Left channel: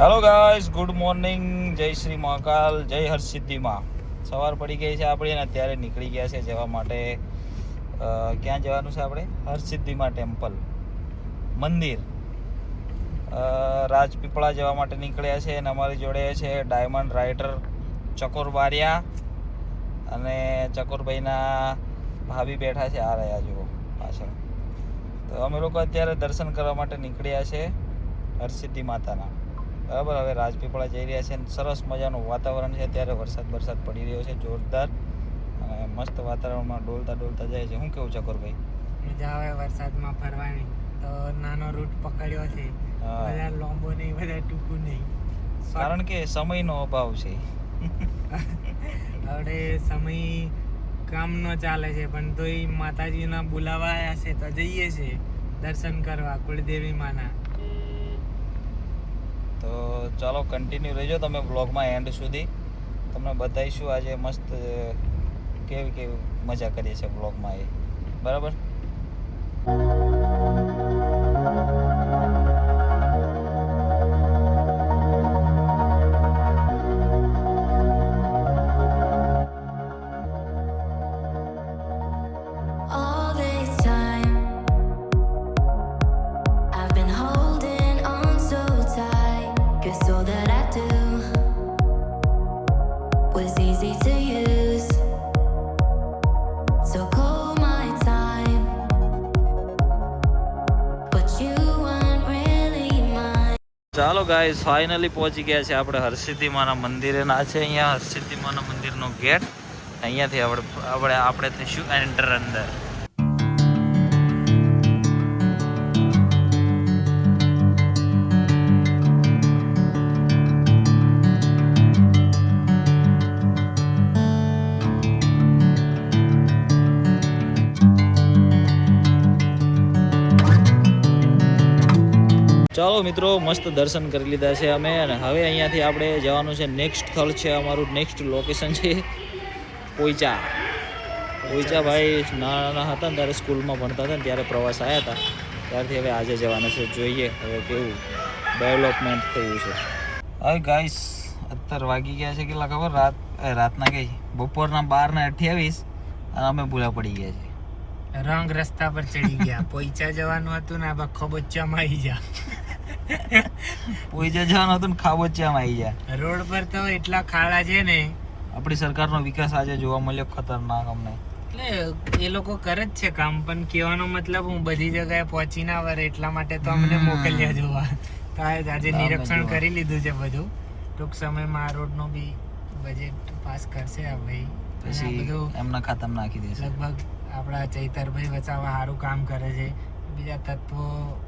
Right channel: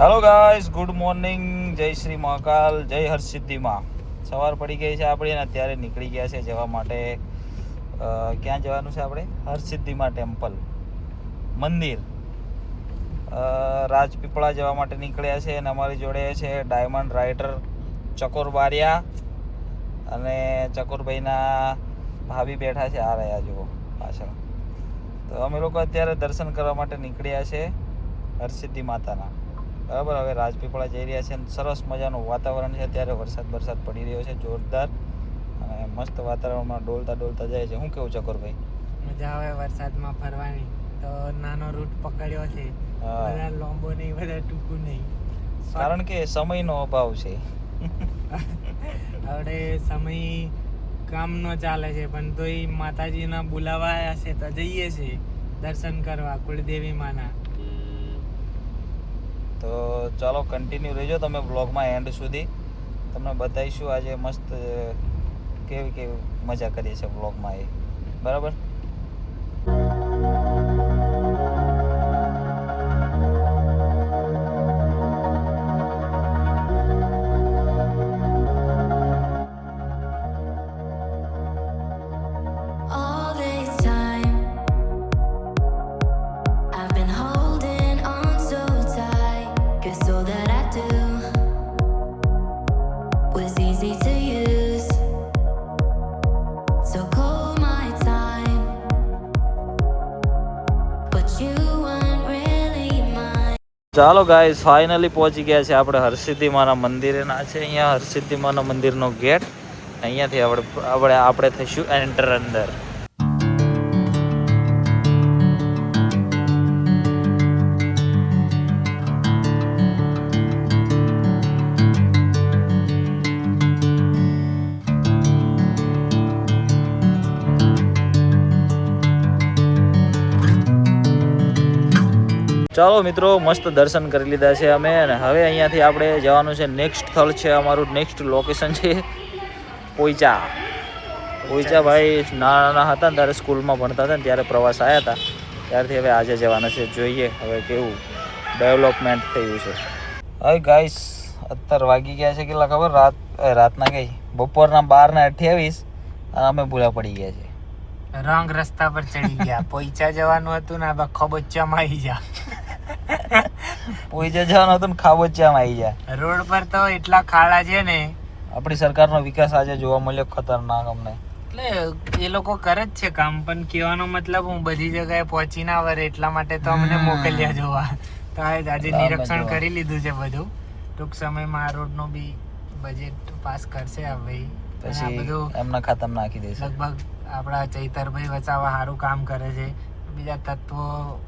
Hello guys, good morning. જય શ્રી મહાકાલ, જય હરસિદ્ધિમાં. સવાર પડી ગઈ છે આપણી અને અત્યારે નીકળી ગયા છે જવા માટે. ક્યાં જવાનું છે આપણે? હરસિદ્ધિમાં ટેમ્પલ મંદિર, રાજપીપળા જવા માટે નીકળ્યા છે. અને અમારી જોડે છે ડાયમંડ રાઇડર ચકોર બારિયા અને ચકોરભાઈના ભાભી બેઠા છે. આ રહ્યા જુઓ પાછળ. તો અમે લોકો અત્યારે દર્શન કરવા માટે નીકળ્યા છે હરસિદ્ધિ માતાના. બરાબર, હવે રાજપીપળા જઈ રહ્યા છે. સરસ મજાનું વાતાવરણ છે. અત્યારે વરસાદ પડી રહ્યો છે જોરદાર અને મસ્ત વાતાવરણમાં ડોલતા જાય છે. શું કેવું ચકોરભાઈ? મજા આવે વરસાદમાં ફરવાની. તો નાનો રૂટ પકડ્યો છે, બધા લાંબો નહીં, બધા ટૂંકું નહીં, કારણ કે સમયનો અભાવ છે. હવે સમય કામનો ચાલે છે, પણ તોય માતાજીના બોલાવા આવ્યા છે તો જઈએ છે દર્શન કરવા કુળદેવી માના. તો ચાલો કન્ટિન્યુ રહેજો તમે બ્લોગમાં એન્ડ સુધી. તમને બતાવીશું આજે મસ્ત કેવી મજા કરીએ છે બ્લોગમાં એ. બરાબર. ચાલો ગાઈસ, ફાઇનલી પહોંચી ગયા છે આપણે હરસિદ્ધિ માના મંદિરે. ના છે અહીંયા હરસિદ્ધિ માના મંદિરનો ગેટ. અહીંયાથી આપણે થઈશું એન્ટર અંદર. ચાલો મિત્રો, મસ્ત દર્શન કરી લીધા છે અમે. અને હવે અહીંયાથી આપણે જવાનું છે નેક્સ્ટ સ્થળ છે અમારું. નેક્સ્ટ લોકેશન છે પોઈચા. ભાઈ નાના હતા ને ત્યારે સ્કૂલમાં ભણતા હતા ને ત્યારે પ્રવાસ આવ્યા હતા, ત્યારથી હવે આજે જવાના છે. જોઈએ હવે કેવું ડેવલપમેન્ટ થયું છે. હવે ગાઈસ, અત્યારે વાગી ગયા છે કેટલા ખબર? રાતના કઈ બપોરના 12:28 અને અમે ભૂલા પડી ગયા છે. રોંગ રસ્તા પર ચડી ગયા. પોઈચા જવાનું હતું ને ખોબોચામાં આવી જા. પોઈચા જવાનું હતું ને ખાબોચિયામાં આવી ગયા. રોડ પર તો એટલા ખાડા છે ને. આપણી સરકારનો વિકાસ આજે જોવા મળ્યો ખતરનાક અમને. એટલે એ લોકો કરે જ છે કામ, પણ કહેવાનો મતલબ હું બધી જગ્યાએ પહોંચી ના વરે એટલા માટે તો અમને મોકલ્યા જોવા. તો આજે નિરીક્ષણ કરી લીધું છે બધું. ટૂંક સમયમાં આ રોડ નું બી બજેટ પાસ કરશે હવે. પછી બધું એમના ખાતામાં નાખી દેશે. લગભગ આપણા ચૈતરભાઈ વસાવા સારું કામ કરે છે. બીજા તત્વો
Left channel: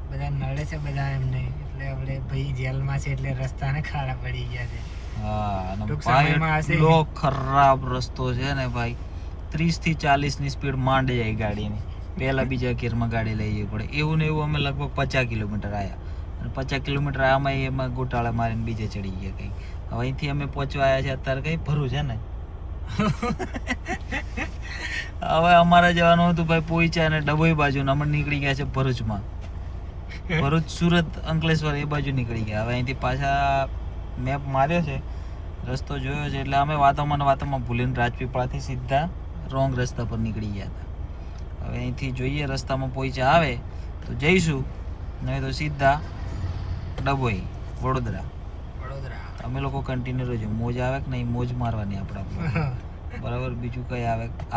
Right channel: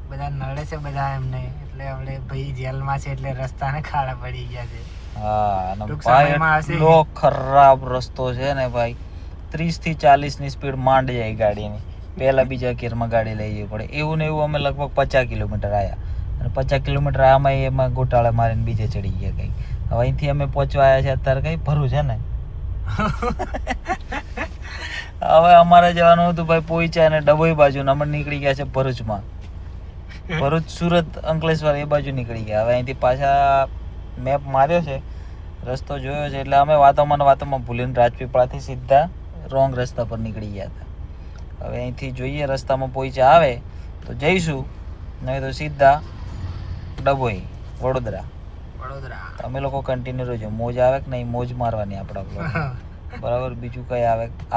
બધા નડે છે બધા એમને. એટલે આપણે ભાઈ જેલમાં છે એટલે રસ્તાને ખાડા પડી ગયા છે. એટલો ખરાબ રસ્તો છે ને ભાઈ. 30 થી 40 ની સ્પીડ માંડી જાય ગાડીની. પહેલા બીજા ગિયરમાં ગાડી લઈ જવી પડે. એવું ને એવું અમે લગભગ 50 કિલોમીટર આવ્યા અને 50 કિલોમીટર આમાં એમાં ગોટાળા મારીને બીજે ચડી ગયા કઈ. હવે અહીંથી અમે પહોંચવા આવ્યા છે અત્યારે કઈ ભરું છે ને. હવે અમારે જવાનું હતું ભાઈ પોઈચા અને ડભોઈ બાજુ. અમે નીકળી ગયા છે ભરૂચમાં. ભરૂચ, સુરત, અંકલેશ્વર એ બાજુ નીકળી ગયા. હવે અહીંથી પાછા મેપ માર્યો છે, રસ્તો જોયો છે, એટલે અમે વાતોમાં ભૂલીને રાજપીપળાથી સીધા રોંગ રસ્તા પર નીકળી ગયા હતા. હવે અહીંથી જોઈએ રસ્તામાં પોઈચા આવે તો જઈશું, નહીં તો સીધા ડભોઈ, વડોદરા. તમે લોકો કન્ટિન્યુ રહેજો. મોજ આવે કે નહીં, મોજ મારવાની આપણા. બરાબર, બીજું કઈ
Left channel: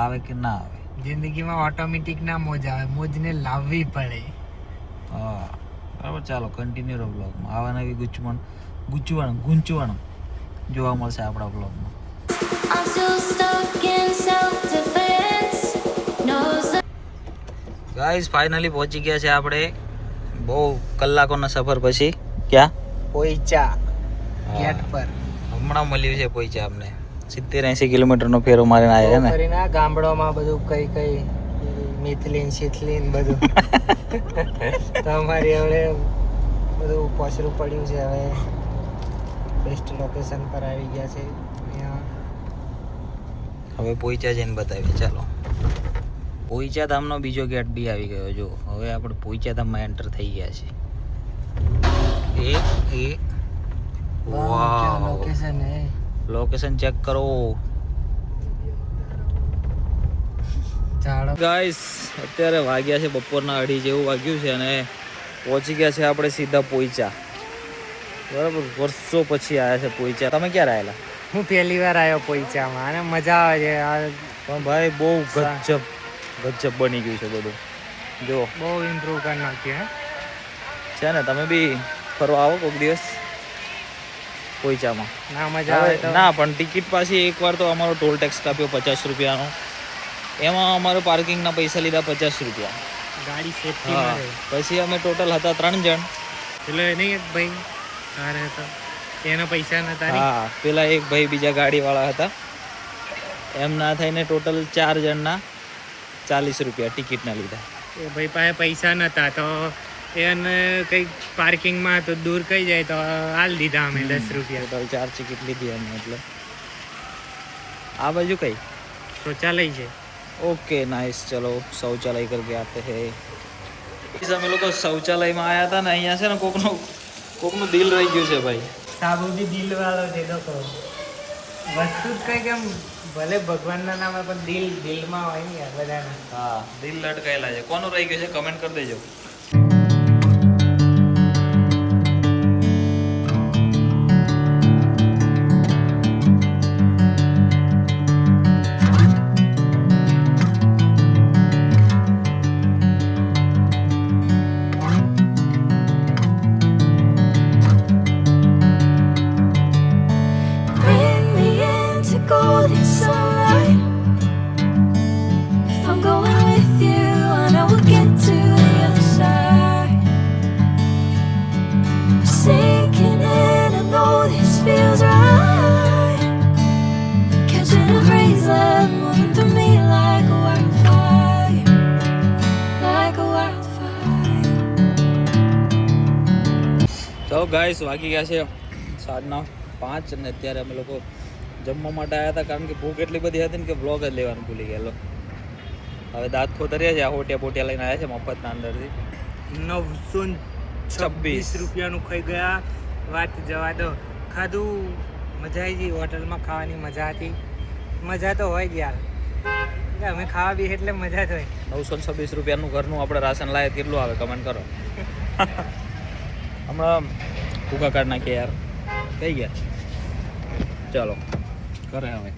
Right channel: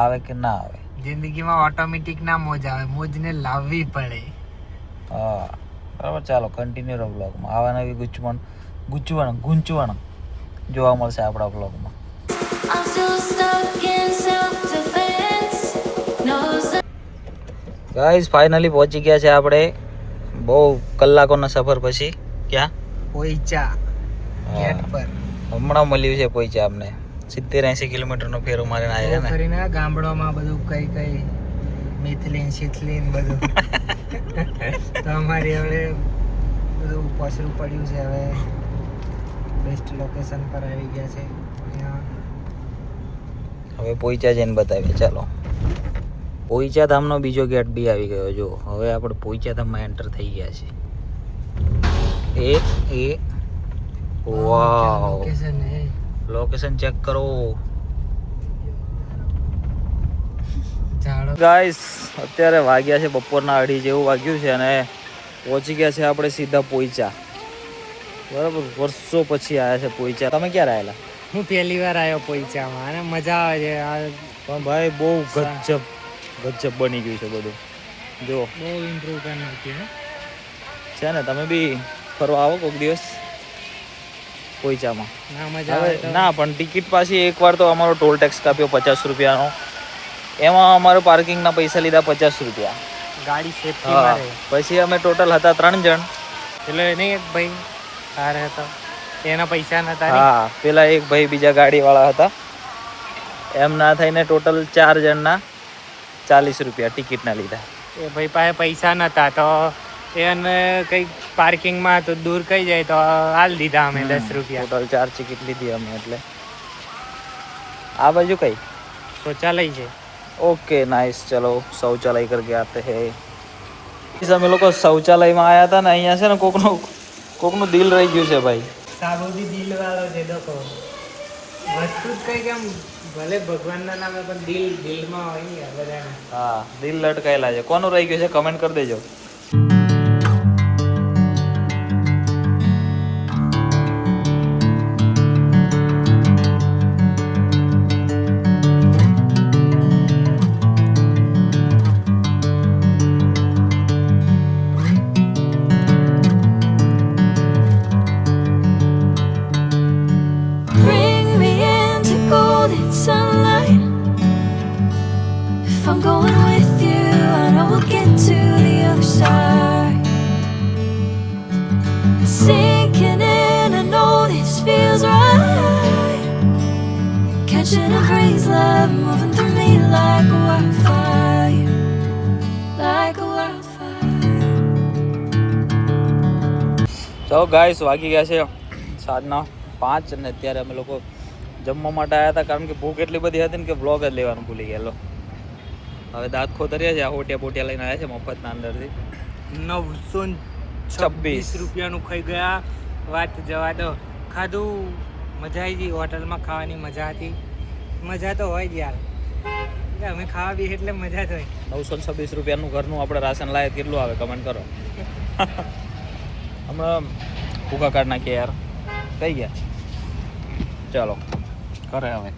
આવે કે ના આવે. જિંદગીમાં ઓટોમેટિક ના મોજ આવે, મોજને લાવવી પડે. હા બરાબર. ચાલો કન્ટિન્યુ રહો બ્લોગમાં. આવા નવી ગૂંચવણ જોવા મળશે આપણા બ્લોગમાં. ગાઈસ, ફાઇનલી પહોંચી ગયા છે આપણે બહુ કલાકોના સફર પછી. ક્યાં? પોઈચા ગેટ પર. હમણાં મળ્યું છે પોઈચા અમને. 70-80 કિલોમીટરનો ફેરો મારીને આવ્યા ને. કરીને ગામડામાં બધું કઈ મિથલીન શીથલીન બધું. તો અમારી હવે બધું પોસરું પડ્યું છે. હવે બેસ્ટ લોકેશન પર આવી ગયા છે. હવે પોઈચા જઈને બતાવીએ. ચાલો. પોઈચા ધામનો બીજો ગેટ બી આવી ગયો. જો હવે આપણે પોઈચા ધામમાં એન્ટર થઈ ગયા છે. એ વાવ લોકેશન હે લોકેશન ચેક કરો ઝાડો ગાઈસ અત્યારે વાગ્યા છે બપોરના 2:30 જેવું વાગ્યું છે અને પહોંચી ગયા છે આપણે સીધા પોઈચા બરાબર વર્ષો પછી આવ્યા છે પોઈચા તમે ક્યારે આવેલા હું પહેલી વાર આવ્યો પોઈચામાં અને મજા આવે છે પણ ભાઈ બહુ ગજબ બની ગયું છે બધું જો બહુ ઇમ્પ્રૂવ કરી નાખ્યું છે ને તમે બી ફરવા આવો કોઈક દિવસ પોઈચામાં ના મજા આવે તો ના પણ ટિકિટ પાછી એકવાર તો અમારો ટોલ ટેક્સ કાપ્યો 50 રૂપિયાનો એમાં અમારે પાર્કિંગના પૈસા લીધા 50 રૂપિયા ગાડી સેફટી હા. મારે પછી અમે ટોટલ હતા 3 જણ પેલો નહીં એક ભાઈ કાર હતો તેના પૈસા નતા ને? હા પેલા એક ભાઈ બીજા ગાડીવાળા હતા એમ ના થઈને ટોટલ 4 જણના 40 રૂપિયા ટિકિટના લીધા એ ભાઈ પાસે પૈસા નતા તો એને કઈ પાર્કિંગમાં તો દૂર કઈ જાય તો હાલ દીધા અમે 10 રૂપિયા ટોટલ 4 ટિકિટ લીધી અમે એટલે આ બાજુ કઈ શૌચાલય છે ओके नाइस चलो शौचालय करके आते हैं અમે લોકો શૌચાલયમાં આવ્યા હતા ને અહીંયા છે ને કોકનું દિલ રહી ગયું છે ભાઈ સાબુ બી દિલ વાળો છે દેખો વસ્તુ જ કઈ કેમ ભલે ભગવાનના નામે પણ દિલમાં હોય ને બધાને હા દિલ લટકાયેલા છે કોનું રહી ગયું છે કમેન્ટ કરી દેજો Bring me into golden sunlight. If I'm going with you, I know we'll get to the other side. Sinking in, I know this feels right. Catching a haze, love moving through me like a wildfire, like a wildfire. તો guys વાગી ગયા છે સાંજના 5 અને અત્યારે અમે લોકો જમવા માટે આવ્યા હતા કારણ કે ભૂખ એટલી બધી હતી ને કે વ્લોગ જ લેવાનું ભૂલી ગયેલો હવે દાંત ખોતર્યા છે આ હોટિયા લઈને આવ્યા છે મફતના અંદરથી 926 રૂપિયાનું ખાઈ ગયા વાત જવા દો ખાધું મજા આવી ગઈ હોટલમાં ખાવાની મજા હતી મજા તો હોય જ યાર એટલે અમે ખાવા બી એટલે મજા જ હોય 926 રૂપિયાનું ઘરનું આપણે રાશન લાવે કેટલું આવે કમેન્ટ કરો હમણાં ભૂખા કાઢ નાખીએ યાર થઈ ગયા ચાલો કરે હવે